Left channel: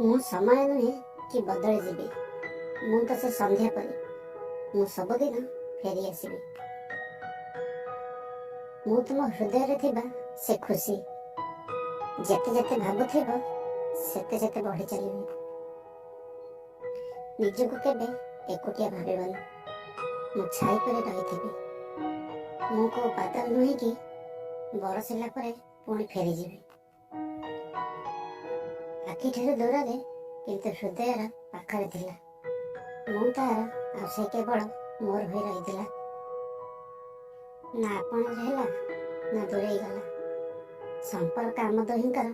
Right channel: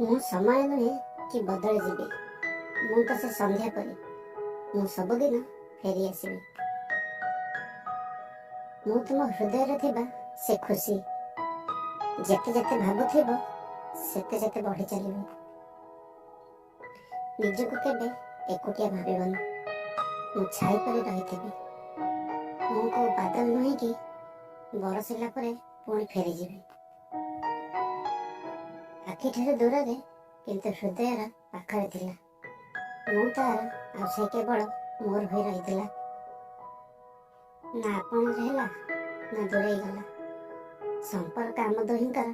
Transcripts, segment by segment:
ମୁଁ ସମୟ ନୁହେଁ କି ବଦଳି ଯିବି। ମୁଁ ତ ସେ ସନ୍ଧ୍ୟା ପରି, ମୁଁ ସବୁଦିନ ଫେରି ଆସିବି। ମୁଁ ତୁମ ହୃଦୟରେ ଥିବା ସେ ଖୁସି, ଯେତେ ଯେତେ ଭାବୁଥିବ ସେତେ ସେତେ ବଢ଼ି ଚାଲିବ। ନିଜକୁ କେବେ ଏକୁଟିଆ ଭାବିବନି। ମୁଁ ଛାଇ ପରି ରହିଥିବି। ମୁଁ କୋଉ ବାଦଲ ନୁହେଁ କି ବରଷିଲା ପରେ ପୁଣି ଫେରିଯିବି। ଆଖିଠାରୁ ଦୂରରେ କିନ୍ତୁ ହୃଦୟର ପାଖରେ ଥିଲା। ମୁଁ ତାର ଆଉ ସେ କେବଳ ମୋର ହୋଇ ରହିଥିଲା। ନା ଆପଣାର ହେଲା ନା ଦୂରେଇ ଗଲା। ସମ୍ପର୍କ ଆମ ଦୁହିଁଙ୍କର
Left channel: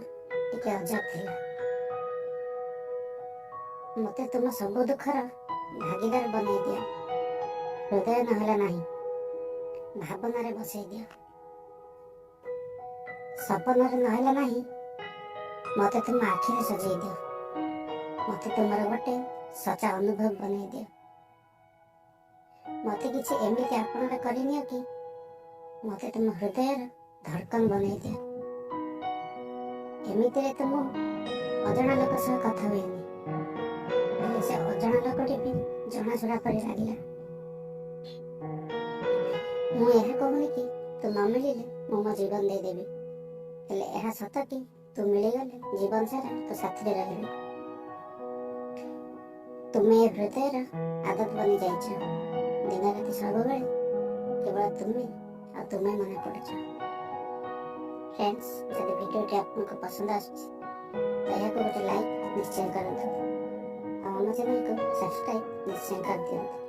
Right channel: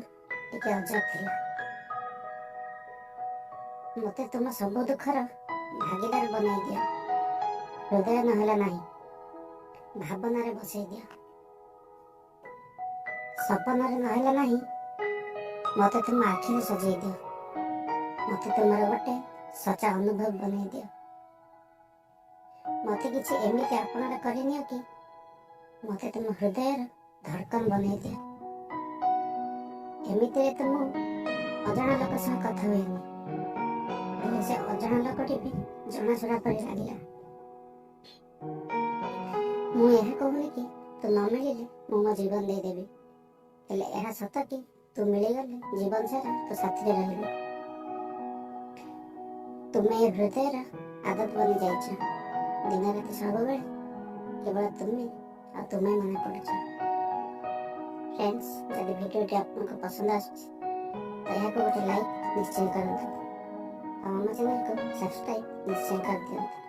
ଟିକେ ଅଜବ ଥିଲା। ମୋତେ ତୁମ ସବୁ ଦୁଃଖର ଭାଗିଦାର ବନାଇ ଦିଅ। ହୃଦୟ ନହେଲା ନାହିଁ, ଭାବନାରେ ବସେଇ ଦିଅ। ସପନରେ ନହେଲା ନାହିଁ, ମୋତେ ତୁମ ଆଖିରେ ସଜେଇ ଦିଅ। ମୋତେ ତୁମର ଗୋଟେ ସଚା ଅନୁଭବ ବନେଇ ଦିଅ। ମୋତେ କିଛି ଏମିତି ଆପଣାର କରିନିଅ କି ମୋତେ ତୁମ ହୃଦୟର ଧଡ଼କନ ବନେଇ ଦିଅ। ଏମିତିରେ ତ ମୁଁ ଅଜଣା ଲୋକ ସହ କଥା ହୁଏନି, ହେଲେ ସେ ଅଜଣା ଲୋକଟି ବି ଜଣାଶୁଣା ପରି ଲାଗିଲା। ମୁଁ ଏହା କହୁନି କି ତୁ ନ ମିଳିଲେ ମୁଁ ମୋ ଜୀବନ ଦେଇଦେବି, ହେଲେ ଏହା ସତ କି ତୁ ମିଳିଗଲେ ଜୀବନ ସାରା ତୋ ସାଥିରେ ରହିବି। ତୁମେ ଏ ହୃଦୟର ଆଦତ ବନି ଯାଇଛ। ଦିନ ରାତି ସବୁବେଳେ କେବଳ ତୁମେ ଆଉ ତୁମେ ମନେ ପଡ଼ୁଛ। ଫ୍ରେଣ୍ଡସ୍, ଯଦି ଭିଡ଼ିଓଟି ଆପଣଙ୍କୁ ପସନ୍ଦ ଆସୁଛି ତ ଏହାକୁ ଗୋଟେ ଲାଇକ୍ ନିଶ୍ଚୟ କରନ୍ତୁ ଆଉ ଆମ ଚ୍ୟାନେଲକୁ ସବସ୍କ୍ରାଇବ୍ ନିଶ୍ଚୟ କରିଦିଅନ୍ତୁ।